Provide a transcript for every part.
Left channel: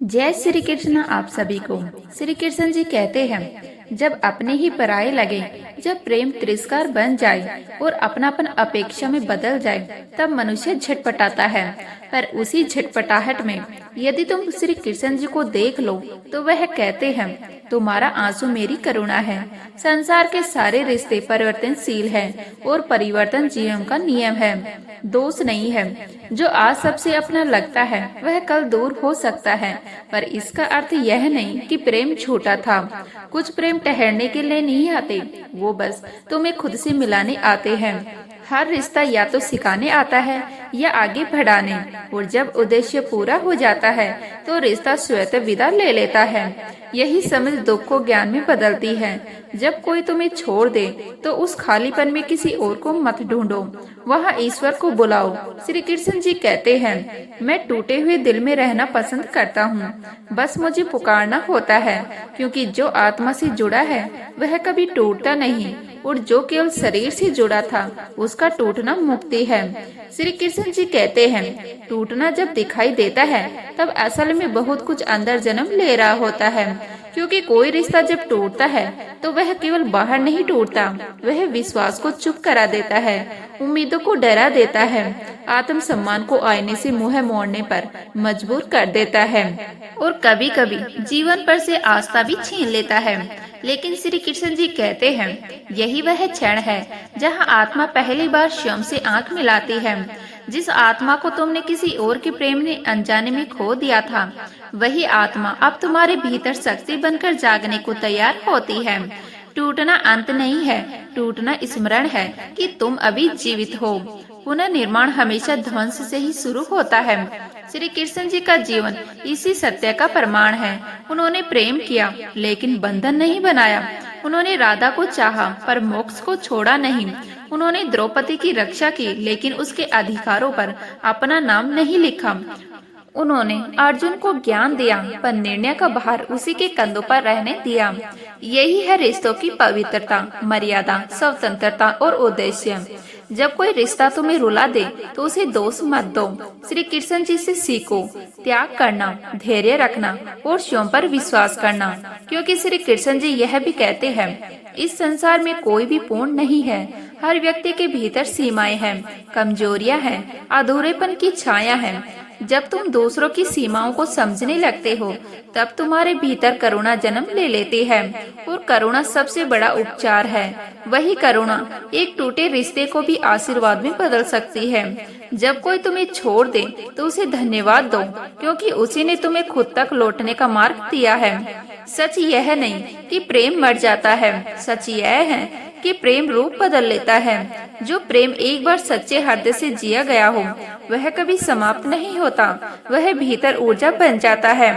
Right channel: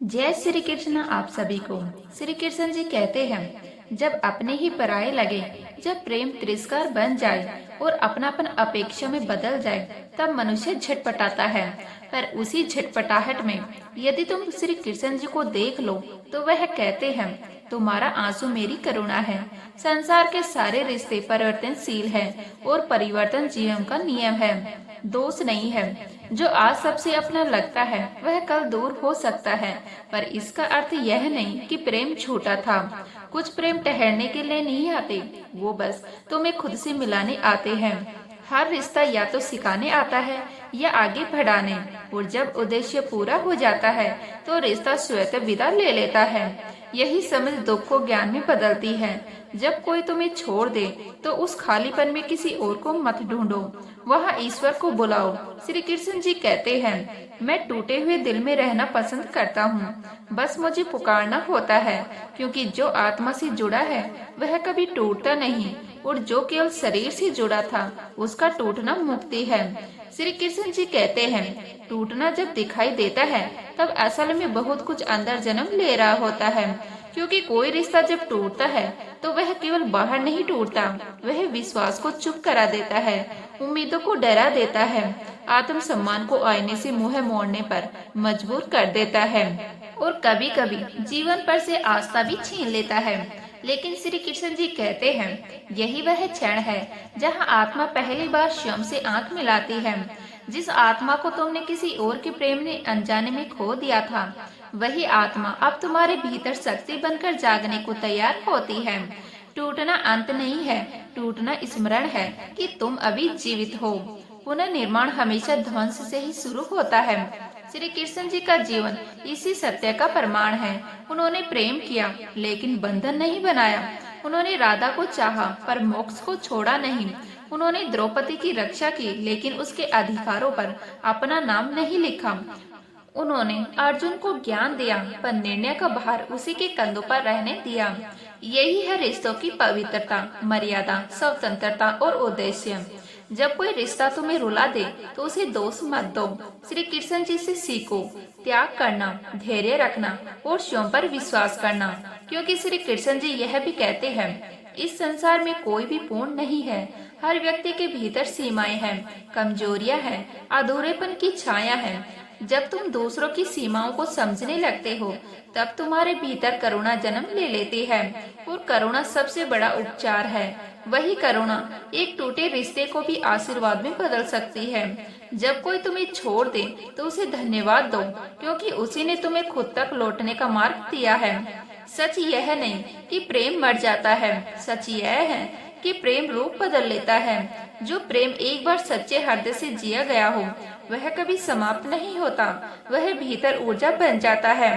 जय श्री कृष्ण आप सभी को। श्री कृष्ण जी कहते हैं, जब अपने ही पराये लगे, जब प्रेम तिरस्कार बन जाए और अपनापन अपेक्षा में बदल जाए, तब मनुष्य झटपटाता है। पर उसी झटपटाहट में यदि तुम श्री कृष्ण जी को देख लो तो वह कहते हैं, तुम्हारा आंसू मेरी करुणा है। संसार के सारे रिश्ते परिवर्तनशील हैं और परिवर्तन जीवन का नियम है, दोष नहीं है। जो आज सबसे अपना लगता है वह कल दूर हो सकता है, पर इसका अर्थ यह नहीं कि प्रेम छोटा था। कुछ प्रेम ठहरने के लिए नहीं आते, वो बस तुम्हें खुद से मिलाने आते हैं। हर रिश्ता या तो सिखाने आता है या आगे बढ़ाने, और जब उद्देश्य पूरा हो जाता है तो रिश्ता स्वतः विदा ले लेता है। यही समझ दुख को ज्ञान में बदलती है। जब कोई तुम्हें छोड़ दे तो उस खालीपन में किसी और को मत ढूंढो, वहाँ ईश्वर को बुलाओ। श्री कृष्ण जी कहते हैं, मैं टूटे हुए दिल में रहना पसंद करता हूँ, बस मुझे पुकारना होता है, क्योंकि जो आत्मा से जुड़ा है वह कभी टूटता नहीं, और जो केवल शरीर से जुड़ा था उसका टूटना मुक्ति है। श्री कृष्ण जी कहते हैं, टूटना जब दिखाई देता है तब असल में बहुत कुछ अंदर जन्म ले रहा होता है, क्योंकि कोई रिश्ता जब टूटता है तो वह केवल बाहर नहीं टूटता, वह विश्वास को चुप करा देता है, उम्मीदों को डरा देता है, आत्म सम्मान को आईने से मुंह मोड़ने पर मजबूर कर देता है, और कभी कभी जीवन पर से आस्था भी छीन लेता है। लेकिन श्री कृष्ण जी कहते हैं, यही वह क्षण है जहां आत्मा पहली बार स्वयं से आंख मिलाती है। जिस आत्मा को तुमने किसी और के प्रेम ने अनजाने में खो दिया था, वही आत्मा अब तुम्हारे भीतर शक्ति बनकर जागने को तैयार होती है। टूटना अंत नहीं है, टूटना स्मरण है कि तुम अभी जीवित हो। पुनर्निर्माण हमेशा ध्वंस से ही शुरू होता है। श्री कृष्ण जी का जीवन इसी सत्य का प्रमाण है। उन्होंने प्रेम किया लेकिन बंधन नहीं बनाया। उन्होंने राधा को चाहा पर मोक्ष को छोड़ा नहीं। उन्होंने द्रौपदी की रक्षा की लेकिन उसके अधिकारों पर अपना नाम नहीं लिखा। उन्होंने अर्जुन को ज्ञान दिया पर निर्णय का भार उसी के कंधों पर रहने दिया। यही है रिश्तों की पवित्रता, मर्यादा, स्वतंत्रता और उद्देश्य। जब कोई रिश्ता तुम्हें रुला दे तो उसे दोष मत दो। श्री कृष्ण जी से सीखो त्याग करना, धैर्य रखना और स्वयं पर विश्वास करना, क्योंकि श्री कृष्ण जी यह भी कहते हैं, इस संसार में कोई भी पूर्ण नहीं है। हर व्यक्ति के भीतर सीमाएं हैं, कमजोरियां हैं, अधूरेपन की छाया है। जब तुम दूसरों की सीमाओं को समझने लगते हो तब तुम्हारे भीतर करुणा जन्म ले लेती है, और करुणा सबसे बड़ा उपचार है। वही करुणा एक टूटे रिश्ते को भी आशीर्वाद में बदल सकती है। जब कोई तुम्हें छोड़ दे तो उसे धन्यवाद दो, क्योंकि उसी ने तुम्हें खुद तक लौटने का मार्ग दिया है। सच यह नहीं कि प्रेम मर जाता है, सच यह है कि प्रेम रूप बदल लेता है। जो प्रेम एक बार सच्चे हृदय से जिया गया हो वह कभी समाप्त नहीं होता। वह भीतर ऊर्जा बन जाता है,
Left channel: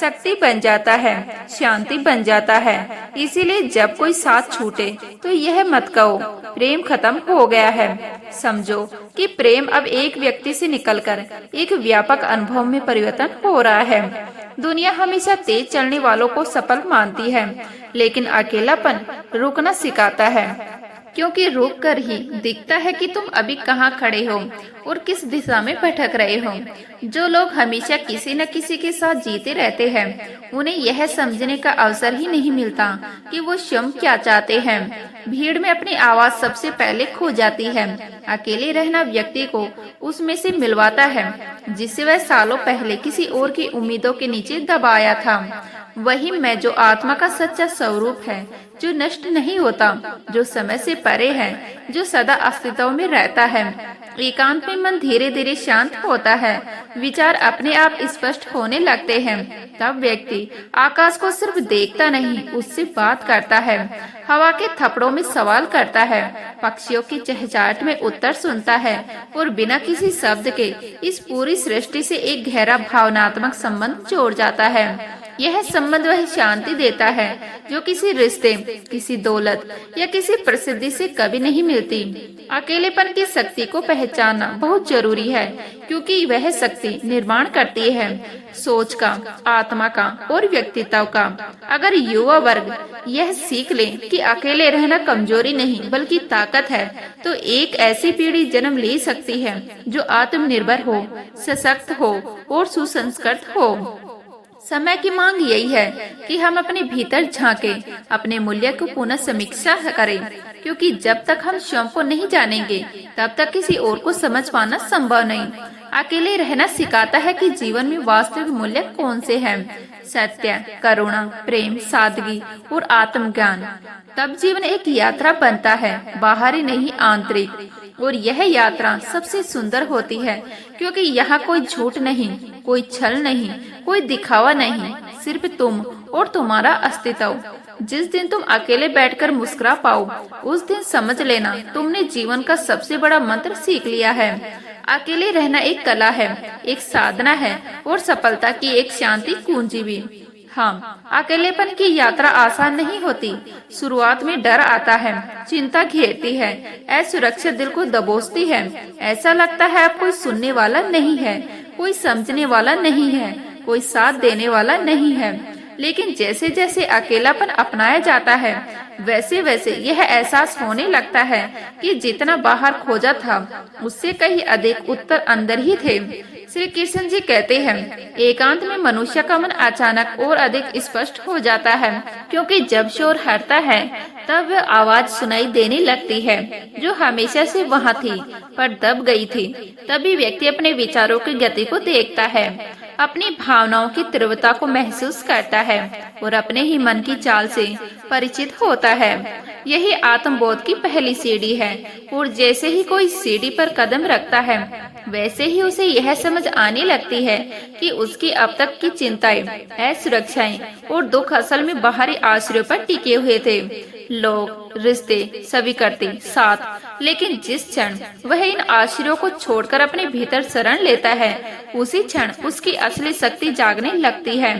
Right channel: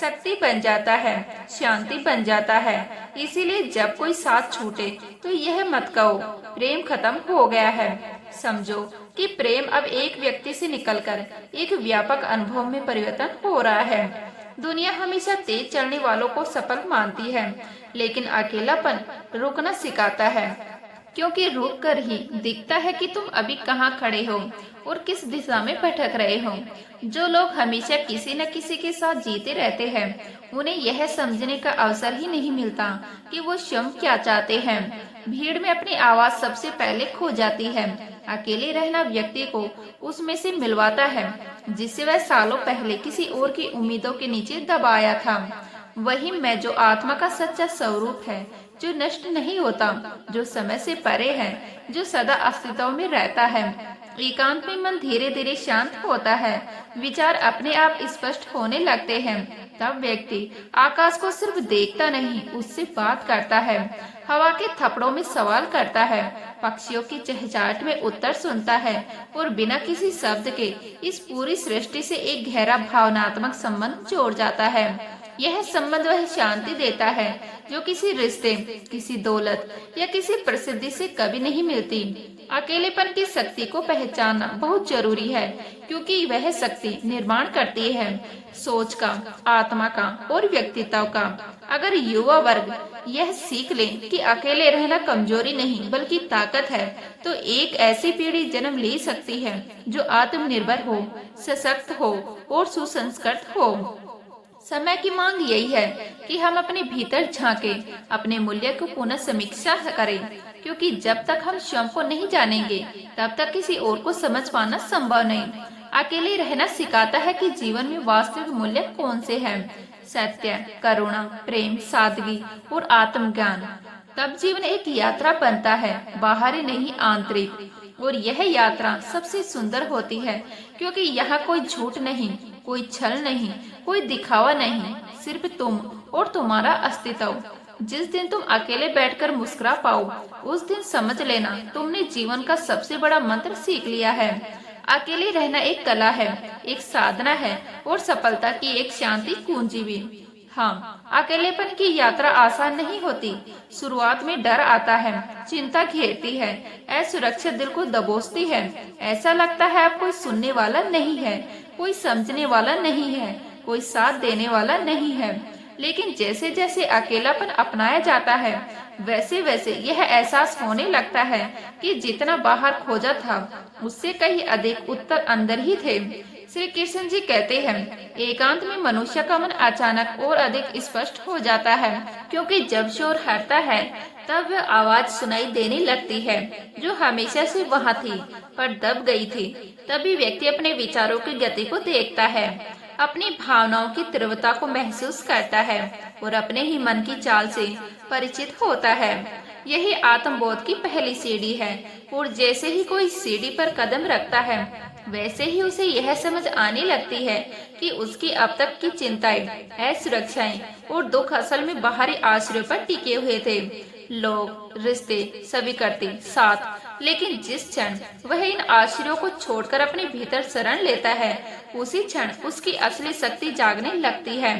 शक्ति बन जाता है, शांति बन जाता है। इसीलिए जब कोई साथ छूटे तो यह मत कहो प्रेम खत्म हो गया है। समझो कि प्रेम अब एक व्यक्ति से निकलकर एक व्यापक अनुभव में परिवर्तन हो रहा है। दुनिया हमेशा तेज चलने वालों को सफल मानती है, लेकिन अकेलापन रुकना सिखाता है, क्योंकि रुक कर ही दिखता है कि तुम अभी कहाँ खड़े हो और किस दिशा में भटक रहे हो। जो लोग हमेशा किसी न किसी के साथ जीते रहते हैं, उन्हें यह समझने का अवसर ही नहीं मिलता कि वो स्वयं क्या चाहते हैं। भीड़ में अपनी आवाज सबसे पहले खो जाती है। अकेले रहना व्यक्ति को उसमें से मिलवाता है जिससे वह सालों पहले किसी और की उम्मीदों के नीचे दबाया था। वही मैं जो आत्मा का सच्चा स्वरूप है, जो नष्ट नहीं होता, जो समय से परे है, जो सदा अस्तित्व में रहता है। एकांत में मन धीरे धीरे शांत होता है, विचार अपने आप स्पष्ट होने लगते हैं। तब व्यक्ति आकाश को सिर्फ देखता नहीं, उससे बात करता है, हवा के थपड़ों में सवाल करता है, पक्षियों की चहचहाट में उत्तर सुनता है, और बिना किसी शब्द के इस पूरी सृष्टि से एक गहरा भावनात्मक संबंध जोड़ जाता है। यह संबंध वह शांति देता है जो किसी रिश्ते, किसी दौलत या किसी प्रसिद्धि से कभी नहीं मिलती। अकेलेपन की शक्ति को पहचानना बहुत जरूरी है, क्योंकि वह शक्ति निर्माण करती है सोच का, आत्मा का और व्यक्तित्व का। अगर युवा वर्ग यह सीख ले कि अकेले रहना कमजोरी नहीं बल्कि ताकत है, तो एक ऐसी पीढ़ी जन्म ले सकती है जो आत्मनिर्भर हो, सशक्त हो और सुसंस्कृत हो। समय की मांग यही है कि हम अपने भीतर झांके, अपने मूल्य को पुनः समीक्षा करें, क्योंकि जब तक हम स्वयं को नहीं जानेंगे तब तक किसी और को समझ पाना संभव नहीं। अकेले रहना सिखाता है कि जीवन में वास्तविक मूल्य कौन से हैं। सत्य, करुणा, प्रेम, सादगी और आत्मज्ञान। तब जीवन एक यात्रा बनता है, बाहरी नहीं आंतरिक। और यह यात्रा सबसे सुंदर होती है, क्योंकि यहाँ कोई झूठ नहीं, कोई छल नहीं, कोई दिखावा नहीं, सिर्फ तुम और तुम्हारा अस्तित्व। जिस दिन तुम अकेले बैठकर मुस्कुरा पाओ, उस दिन समझ लेना तुमने जीवन का सबसे बड़ा मंत्र सीख लिया है। अकेले रहना एक कला है, एक साधना है और सफलता की एक शांति कुंजी भी। हाँ, अकेलेपन की यात्रा आसान नहीं होती। शुरुआत में डर आता है, चिंता घेरती है, असुरक्षित दिल को दबोचती है। ऐसा लगता है अब कोई सुनने वाला नहीं है, कोई समझने वाला नहीं है, कोई साथ देने वाला नहीं है। लेकिन जैसे जैसे अकेलापन अपनाया जाता है, वैसे वैसे यह एहसास होने लगता है कि जितना बाहर खोजा था, उससे कहीं अधिक उत्तर अंदर ही थे। श्री कृष्ण जी कहते हैं, एकांत में मनुष्य का मन अचानक और अधिक स्पष्ट हो जाता है, क्योंकि जब शोर हटता है तब वह आवाज सुनाई देने लगती है जो हमेशा से वहाँ थी पर दब गई थी। तभी व्यक्ति अपने विचारों की गति को देखता है, अपनी भावनाओं की तीव्रता को महसूस करता है और अपने ही मन की चाल से परिचित होता है। यही आत्मबोध की पहली सीढ़ी है। और जैसे ही कोई सीढ़ी पर कदम रखता है, वैसे ही उसे यह समझ आने लगती है कि उसकी अब तक की चिंताएं, असुरक्षाएं और दुख असल में बाहरी आश्रयों पर टिके हुए थे। लोग, रिश्ते, स्वीकृति, साथ। लेकिन जिस क्षण वह इन आश्रयों को छोड़कर अपने भीतर शरण लेता है, उसी क्षण उसकी असली शक्ति जागने लगती है।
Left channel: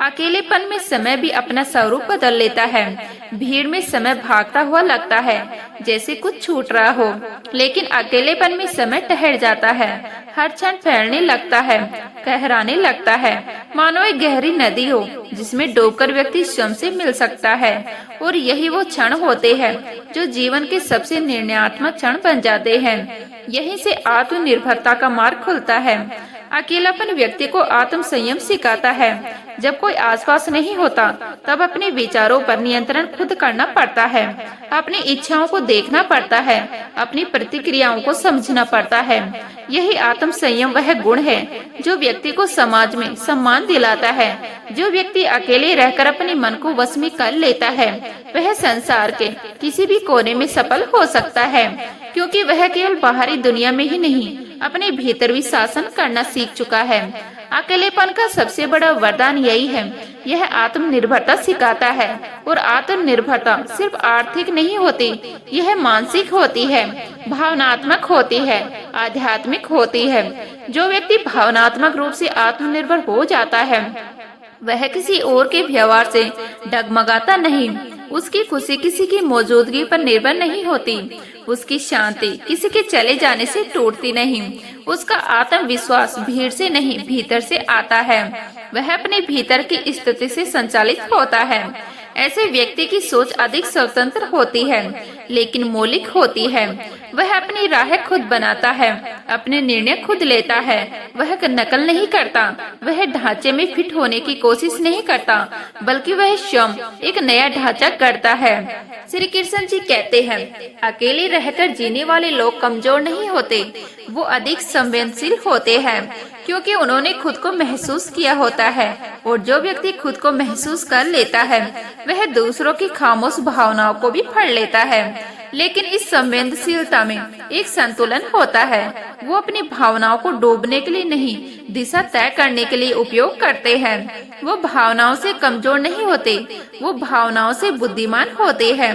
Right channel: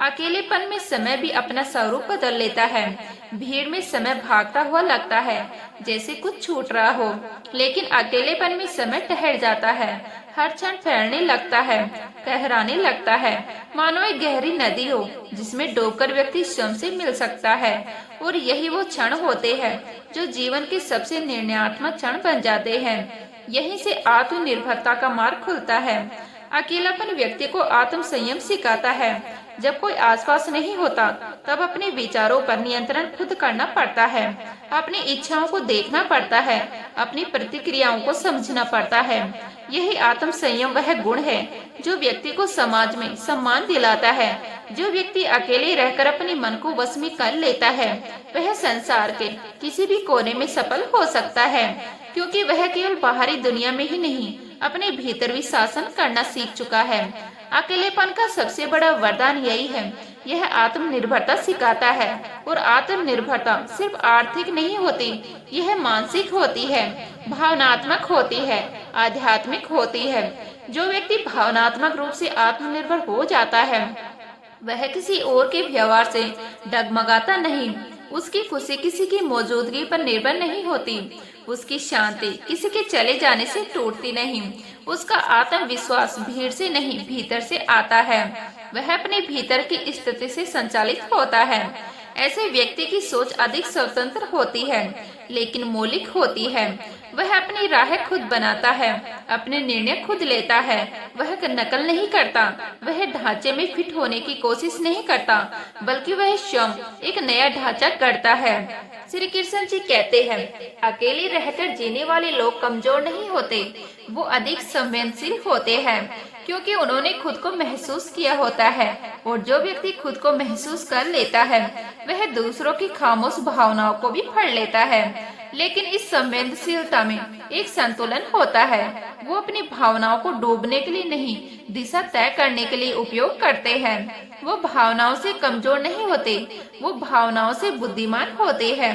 अकेलेपन में समय भी अपना स्वरूप बदल लेता है। भीड़ में समय भागता हुआ लगता है, जैसे कुछ छूट रहा हो, लेकिन अकेलेपन में समय ठहर जाता है। हर क्षण फैलने लगता है, कहराने लगता है, मानो एक गहरी नदी हो जिसमें डूबकर व्यक्ति स्वयं से मिल सकता है। और यही वो क्षण होते हैं जो जीवन के सबसे निर्णयात्मक क्षण बन जाते हैं। यहीं से आत्मनिर्भरता का मार्ग खुलता है। अकेलापन व्यक्ति को आत्म संयम सिखाता है। जब कोई आसपास नहीं होता, तब अपने विचारों पर नियंत्रण खुद करना पड़ता है। अपनी इच्छाओं को देखना पड़ता है, अपनी प्रतिक्रियाओं को समझना पड़ता है। यही आत्म संयम वह गुण है जो व्यक्ति को समाज में सम्मान दिलाता है। जो व्यक्ति अकेले रहकर अपने मन को वश में कर लेता है, वह संसार के किसी भी कोने में सफल हो सकता है, क्योंकि वह केवल बाहरी दुनिया में ही नहीं, अपने भीतर भी शासन करना सीख चुका है। अकेलेपन का सबसे बड़ा वरदान यही है, यह आत्मनिर्भरता सिखाता है। और आत्मनिर्भरता सिर्फ आर्थिक नहीं होती, यह मानसिक होती है, भावनात्मक होती है, आध्यात्मिक होती है। जो व्यक्ति भावनात्मक रूप से आत्मनिर्भर हो जाता है, वह किसी और के व्यवहार से डगमगाता नहीं। उसकी खुशी किसी की मौजूदगी पर निर्भर नहीं होती, उसकी शांति किसी के चले जाने से टूटती नहीं। उसका आत्मविश्वास भीड़ से नहीं, भीतर से आता है। वह अपने भीतर की स्थिति से संचालित होता है। ऐसे व्यक्ति की सोच अधिक स्वतंत्र होती है, लेकिन मौलिक होती है। वह अपनी राह खुद बनाता है, अपने निर्णय खुद लेता है। वह नकल नहीं करता, वह ढांचे में फिट होने की कोशिश नहीं करता, बल्कि वह स्वयं एक नया ढांचा करता है। श्री कृष्ण जी कहते हैं, अकेले रहकर जीने वाले लोग कमजोर नहीं होते, वो अधिक संवेदनशील होते हैं, क्योंकि उन्होंने खुद को महसूस किया होता है। और जो व्यक्ति खुद को महसूस कर लेता है, वह दूसरों की खामोश भावनाओं को भी पढ़ लेता है। लेकिन इस संवेदनशीलता में एक संतुलन होता है। वो अपनी भावनाओं को डूबने के लिए नहीं, दिशा तय करने के लिए उपयोग करते हैं। वो भावनाओं से कमजोर नहीं होते, वो भावनाओं से बुद्धिमान होते हैं।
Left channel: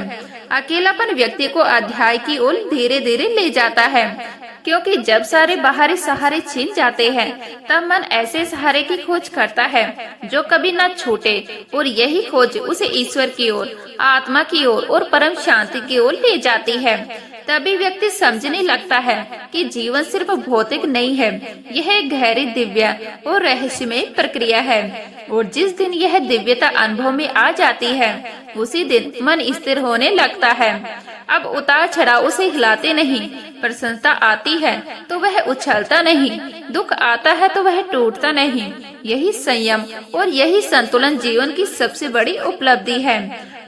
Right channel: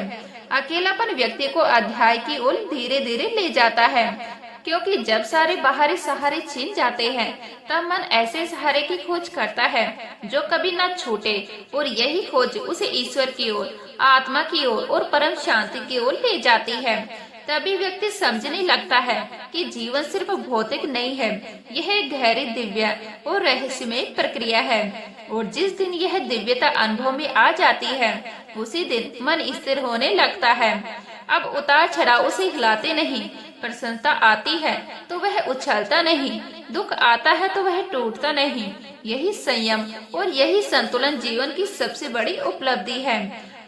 अकेलापन व्यक्ति को अध्याय की ओर धीरे धीरे ले जाता है, क्योंकि जब सारे बाहरी सहारे छिन जाते हैं, तब मन ऐसे सहारे की खोज करता है जो कभी न छूटे। और यही खोज उसे ईश्वर की ओर, आत्मा की ओर और परम शांति की ओर ले जाती है। तभी व्यक्ति समझने लगता है कि जीवन सिर्फ भौतिक नहीं है, यह एक गहरी दिव्य और रहस्यमय प्रक्रिया है। और जिस दिन यह दिव्यता अनुभव में आ जाती है, उसी दिन मन स्थिर होने लगता है। अब उतार चढ़ाव उसे हिलाते नहीं, प्रसन्नता आती है तो वह उछलता नहीं, दुख आता है तो वह टूटता नहीं। यही संयम और यही संतुलन जीवन की सबसे बड़ी उपलब्धि है।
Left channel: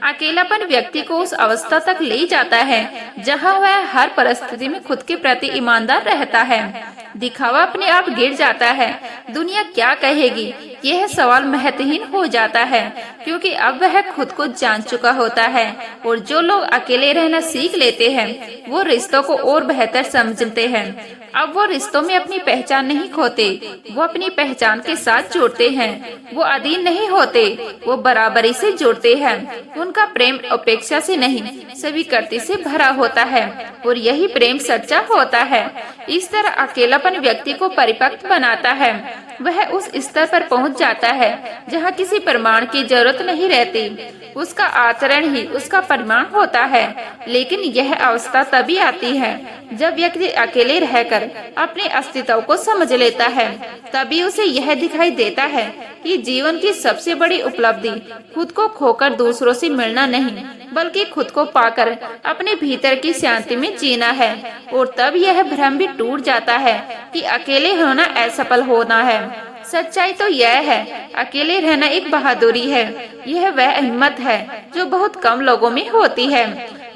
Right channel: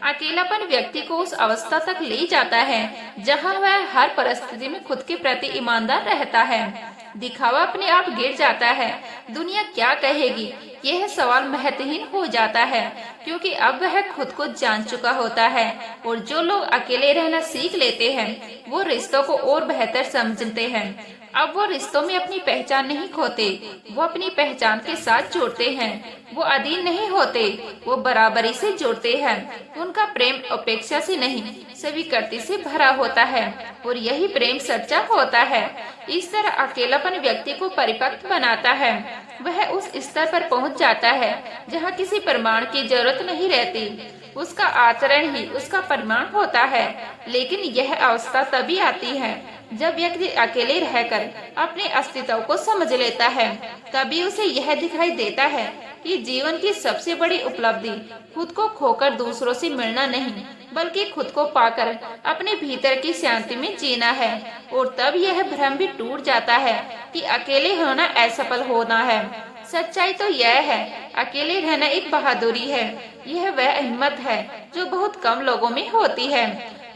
अकेलापन व्यक्ति को उस अवस्था तक ले जाता है जहां वह हर परिस्थिति में खुद के प्रति ईमानदार रहता है। दिखावा अपने आप गिर जाता है। दुनिया क्या कहेगी, यह सवाल महत्वहीन हो जाता है, क्योंकि अब वह खुद को जान चुका होता है। और जो लोग अकेले रहना सीख लेते हैं, वो रिश्तों को और बेहतर समझते हैं। अब वो रिश्तों में अपनी पहचान नहीं खोते, वो अपनी पहचान के साथ जुड़ते हैं। वो अधीन नहीं होते, वो बराबरी से जुड़ते हैं। उनका प्रेम अपेक्षा से नहीं, स्वीकृति से भरा होता है, और यही प्रेम सच्चा होता है। इस तरह अकेलापन व्यक्ति को परिपक्व बनाता है। वह उस स्तर पर पहुंच जाता है जहां किसी प्रमाण की जरूरत नहीं रहती। उसका आचरण ही उसका प्रमाण होता है। लेकिन यह अवस्था तभी आती है जब व्यक्ति अकेले रहकर अपने अस्तित्व को समझ लेता है। तभी उसे यह दिखाई देता है कि जीवन की सबसे बड़ी उपलब्धि खुद को खोकर दूसरों से मिलना नहीं, बल्कि खुद को पाकर अपने भीतर की शांति में जीना है। और तब यह भ्रम भी टूट जाता है कि अकेले होना असफल होना है। सच्चाई तो यह है, अकेले रहना एक बहादुरी है। यह वह हिम्मत है जो बहुत कम लोगों में होती है।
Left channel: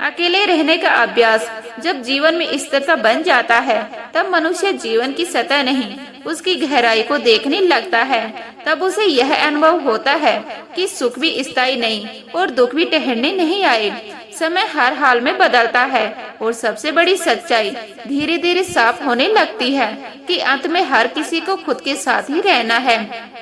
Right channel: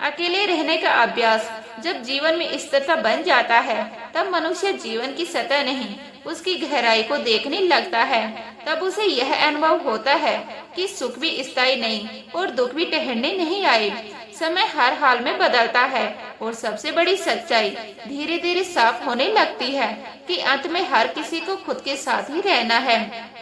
अकेले रहने का अभ्यास जब जीवन में स्थिरता बन जाता है, तब मनुष्य जीवन की सतह नहीं, उसकी गहराई को देखने लगता है। तब उसे यह अनुभव होता है कि सुख भी स्थायी नहीं और दुख भी ठहरने नहीं आए। समय हर हाल में बदलता है, और सबसे बड़ी सच्चाई धीरे धीरे साफ होने लगती है कि अंत में हर किसी को खुद के साथ ही रहना है।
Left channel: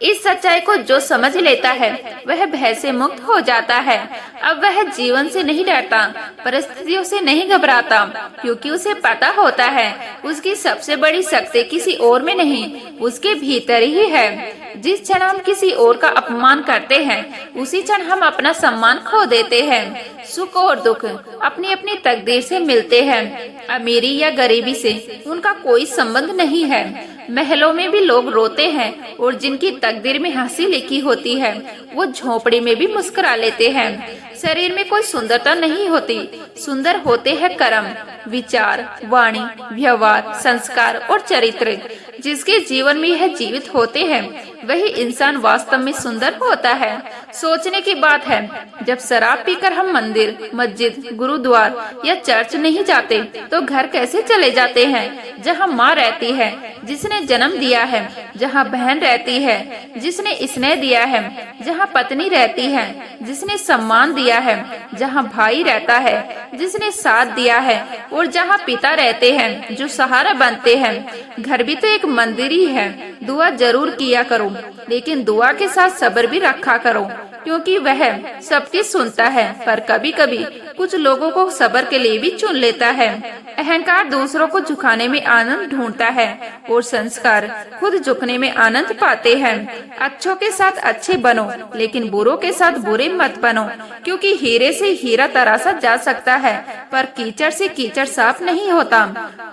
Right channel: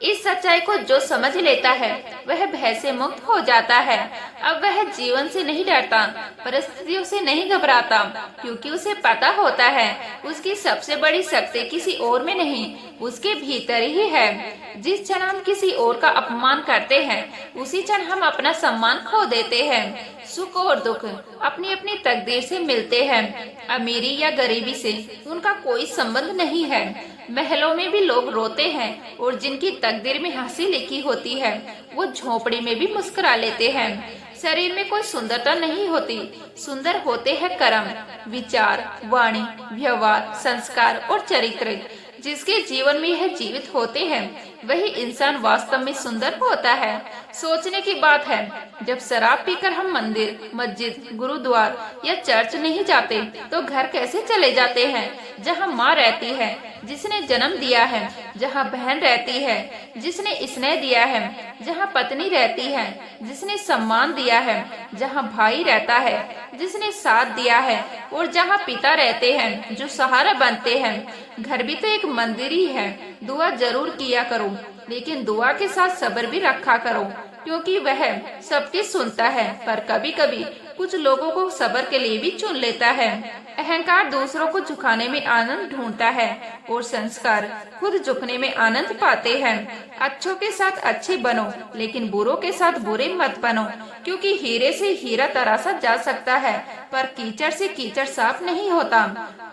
इस सच्चाई को जो समझ लेता है, वह भय से मुक्त हो जाता है। अब वह जीवन से नहीं डरता, परिस्थितियों से नहीं घबराता, क्योंकि उसे पता होता है उसकी सबसे बड़ी शक्ति किसी और में नहीं, उसके भीतर ही है। जिस क्षण हम किसी और का अपमान करते हैं, उसी क्षण हम अपना सम्मान खो देते हैं। सुख और दुख अपनी अपनी तकदीर से मिलते हैं। अमीरी या गरीबी से उनका कोई संबंध नहीं है। महलों में भी लोग रोते हैं, और जिनकी तकदीर में हंसी लिखी होती है, वो झोपड़ी में भी मुस्कुरा लेते हैं। शरीर में कोई सुंदरता नहीं होती, सुंदर होते हैं कर्म, विचार, वाणी, व्यवहार, संस्कार और चरित्र। जिसके जीवन में यह जीवित होते हैं, वही इंसान वास्तव में सुंदर होता है। सोचने की बात है, जब शराब पीकर हम मंदिर, मस्जिद, गुरुद्वार या चर्च नहीं जाते, तो घर कैसे चले जाते हैं जहाँ माँ रहती है, जिसने जन्म दिया है, जहाँ बहन रहती है, जिसने स्नेह दिया है, जहाँ पत्नी रहती है, जिसने सम्मान दिया है, जहाँ भाई रहता है, जिसने साथ दिया है, और जहाँ पिता रहते हैं, जो सहारा बनते हैं। घर भी तो एक मंदिर ही है। दुआ जरूर किया करो, लेकिन दुआ के साथ सब्र भी रखा करो, क्योंकि वह सबकी सुनता है, पर कभी कभी कुछ लोगों को सब्र के लिए भी चुन लेता है। अहंकार दूसरों को झुकाने में आनंद ढूंढता है, और संस्कार खुद झुकने में आनंद पाते हैं। अच्छों के साथ अच्छे बनो, लेकिन बुरों के साथ बुरे मत बनो, क्योंकि हीरे से हीरा तराशा जा सकता है, पर कीचड़ से कीचड़ साफ नहीं होता।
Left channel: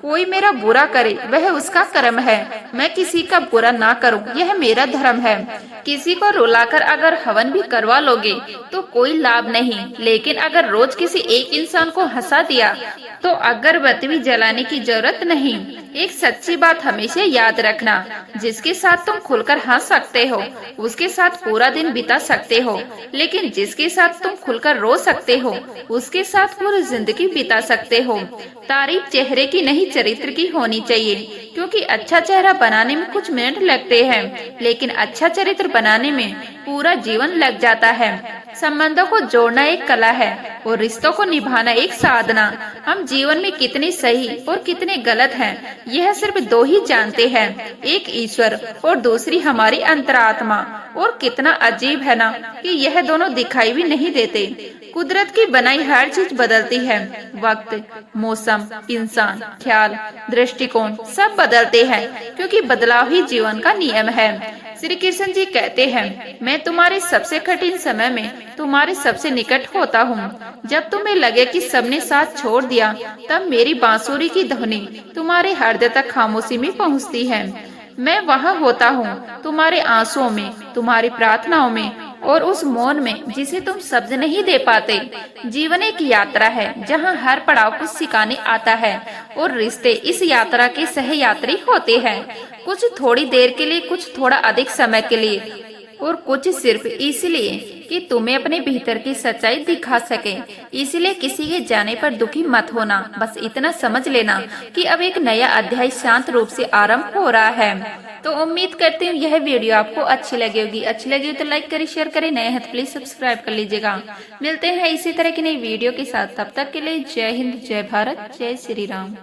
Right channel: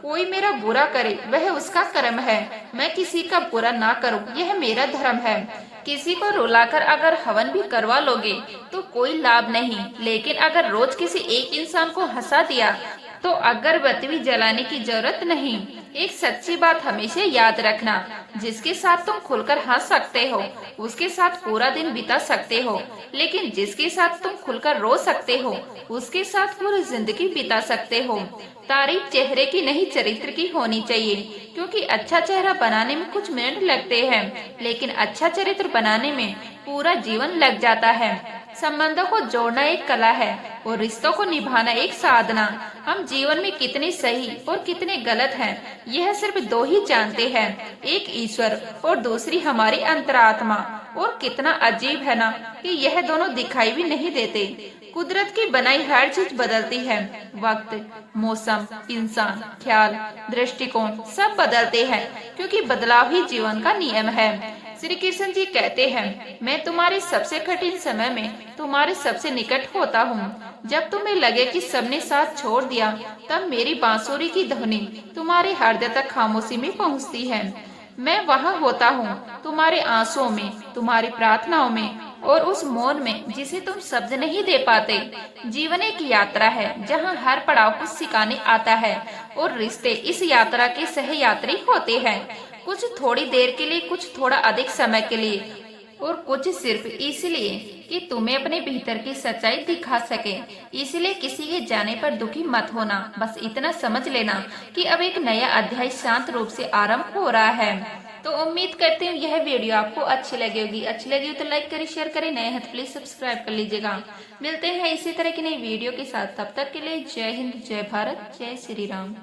कोई मेरा बुरा करे, वह उसका कर्म है। मैं किसी का बुरा ना करूं, यह मेरा धर्म है। किसी को रुलाकर अगर हवन भी करवा लोगे तो कोई लाभ नहीं, लेकिन अगर रोज किसी एक इंसान को हंसा दिया तो अगरबत्ती भी जलाने की जरूरत नहीं। एक सच्ची बात हमेशा याद रखना, जिसके साथ तुम खुलकर हंस सकते हो, उसके साथ पूरा दिन बिता सकते हो, लेकिन जिसके साथ तुम खुलकर रो सकते हो, उसके साथ पूरी जिंदगी बिता सकते हो। तारीफ चेहरे की नहीं, चरित्र की होनी चाहिए, क्योंकि अच्छा चेहरा बनाने में कुछ मिनट लगते हैं, लेकिन अच्छा चरित्र बनाने में पूरा जीवन लग जाता है। संबंधों को जोड़ना एक कला है, और रिश्तों को निभाना एक साधना। हम जीवन में कितने सही और कितने गलत हैं, यह सिर्फ दो ही जानते हैं, एक ईश्वर और दूसरी हमारी अंतरात्मा। और कितना अजीब है ना कि यह दोनों दिखाई भी नहीं देते। कुदरत की बनाई हर चीज बदलती है, वक्त, मौसम, इंसान, ख्याल, दृष्टिकोण सब बदलते हैं, क्योंकि बदलाव ही जीवन का नियम है। श्री कृष्ण जी कहते हैं, मैं तुम्हारे सबसे कठिन समय में तुम्हारे सबसे निकट होता हूँ। जब तुम्हें लगे कि सबने साथ छोड़ दिया, तब मेरी बांसुरी की ध्वनि तुम्हारे हृदय तक खामोशी में पहुँचती है। मैं वहाँ होता हूँ, तुम्हारे आंसुओं में, तुम्हारी प्रार्थनाओं में और उस मौन में जिसे तुम शब्द नहीं दे पाते। जीवन एक यात्रा है जहाँ हर पड़ाव कुछ सिखाने आता है और रिश्ते इस यात्रा के सहयात्री होते हैं। कुछ थोड़ी देर के लिए, कुछ थोड़ा अधिक समय के लिए, और कुछ सिर्फ इसलिए कि तुम्हें अपने भीतर की सच्चाई दिखा सके। इसलिए किसी के जाने पर दुखी मत होना, बस इतना समझ लेना कि अब एक नया अध्याय शांत रूप से आरंभ हो रहा है। तो उम्मीद करती हूँ यह वीडियो आपको अच्छी लगी होगी। अच्छी लगी तो लाइक करें, शेयर करें, नए हैं तो प्लीज सब्सक्राइब कर लीजिएगा। मिलते हैं इसी तरह की नई वीडियो के साथ, तब तक के लिए जय हिंद, जय भारत, जय श्री राम।